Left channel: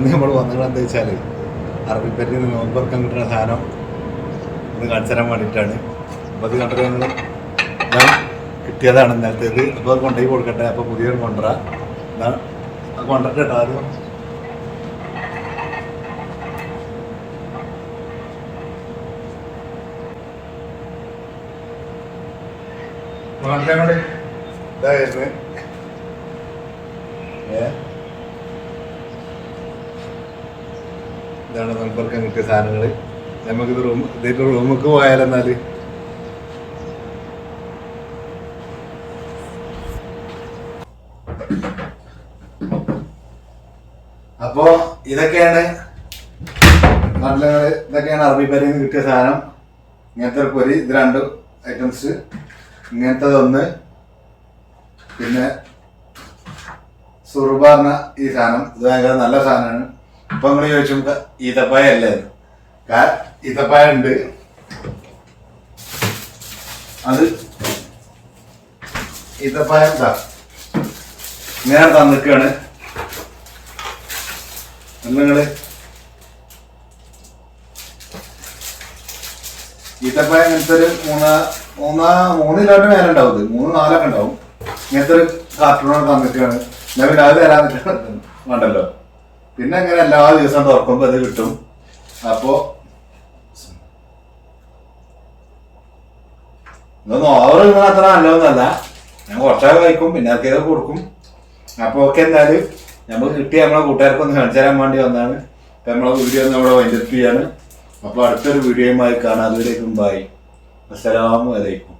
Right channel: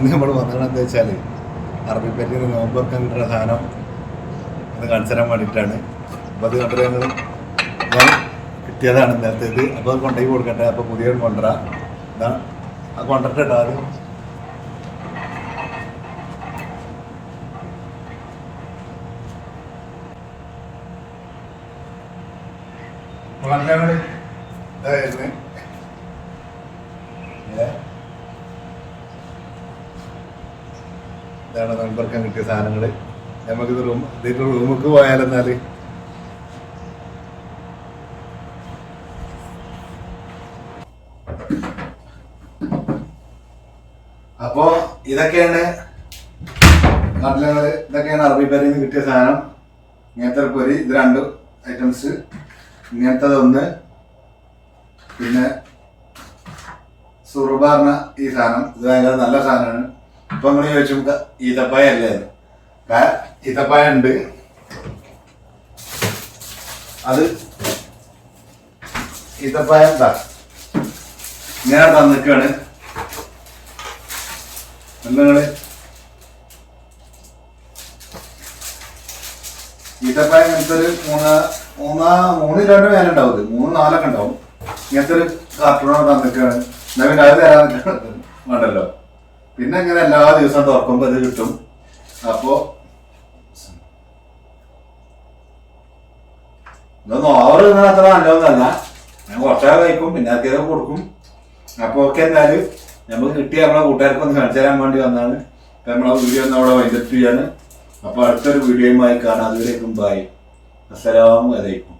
ഇന്ന് നമ്മൾ വന്നതെന്താ വെച്ചാൽ അറബിപ്പറ്റിൽ നിന്ന് നോമ്പൊക്കെ കിട്ടുന്ന സാധനം ഒന്ന് കാണിച്ചു തരാൻ വേണ്ടിയിട്ടാണ്. അപ്പോൾ അത് കണ്ടിട്ട് ഞങ്ങൾ കിട്ടിയതാണ് ഇന്നലത്തേത്. അപ്പോൾ അത് കൊണ്ടുപോയി കൊടുക്കട്ടെ. അപ്പോൾ പുതിയൊരു കൊണ്ടുവരാം. ഇതാ അത് കൊണ്ടിട്ട് കേട്ടോ ആദ്യം. ഇതായിരുന്നു ഇതാണ് നമ്പർക്കാൻ കിട്ടിയ സാധനങ്ങൾ. നമുക്കിത് ഇതിൻ്റെ റൂമിലേക്ക് പോയാലെന്നാല് അപ്പോ ഇതൊക്കെയാണ് നാട്ടിലങ്ങള്. ഇതൊക്കെയാണ് അറബിപ്പരിയിൽ നിന്ന് കിട്ടിയ സാധനം. ഇങ്ങനത്തെ ഒരു പൊരി, ഇത് 2 ഐറ്റംസ്, ഇങ്ങനത്തതൊന്ന്, പിന്നെ സുറുബ പറഞ്ഞ ഈ സാധനം. ഇത് ഭയങ്കര നല്ല സാധനമാണ്. ഇപ്പൊ നിങ്ങൾ ചോദിച്ചു ഈത്തപ്പായ അല്ലേ? ഈത്തപ്പായ ഉണ്ട്. അത് ഈത്തപ്പായ ഇങ്ങനെ തന്നിക്കാണ്. നിങ്ങള് ഈത്തപ്പായ ഇങ്ങനത്തെ ഒരു 3 കിലോന്റെ മേലെ ഉണ്ടാവും. ഇത് 3-4 ഉണ്ടാവും. ഇങ്ങനത്തെ ഒരു കാർട്ടൂണാണ് തന്നിക്കാണ്. എന്നാ പിന്നെ അത് തരാൻ വേണ്ടല്ലോ. പിന്നെ ഇങ്ങനെ എല്ലാ ദിവസവും തുറക്കുമ്പോൾ ഇത് കിട്ടും. അപ്പോ ഇതൊന്നും ഓവർ ഇങ്ങനെ അത്ര നല്ലതൊന്നല്ല. ഞാൻ കുറച്ചൊക്കെ കഴിക്കും, പിന്നെ ആർക്കൊക്കെ കൊടുക്കും. അപ്പോൾ ഓക്കെ, എന്തായാലും നമുക്ക് കിട്ടിയ നമ്മളെ കൂട്ടുകാർക്കൊന്ന് കാണിച്ചു തരാൻ വേണ്ടി വന്നതാണ്. അപ്പം നമ്മളെ വീഡിയോ ഒന്ന് അവിടെ വൈൻഡപ്പ് ചെയ്യാണ്. അപ്പോൾ അടുത്തൊരു വീഡിയോയുമായി കാണാം. അതുവരേക്കും ബൈ. അസ്സലാമു അലൈക്കും.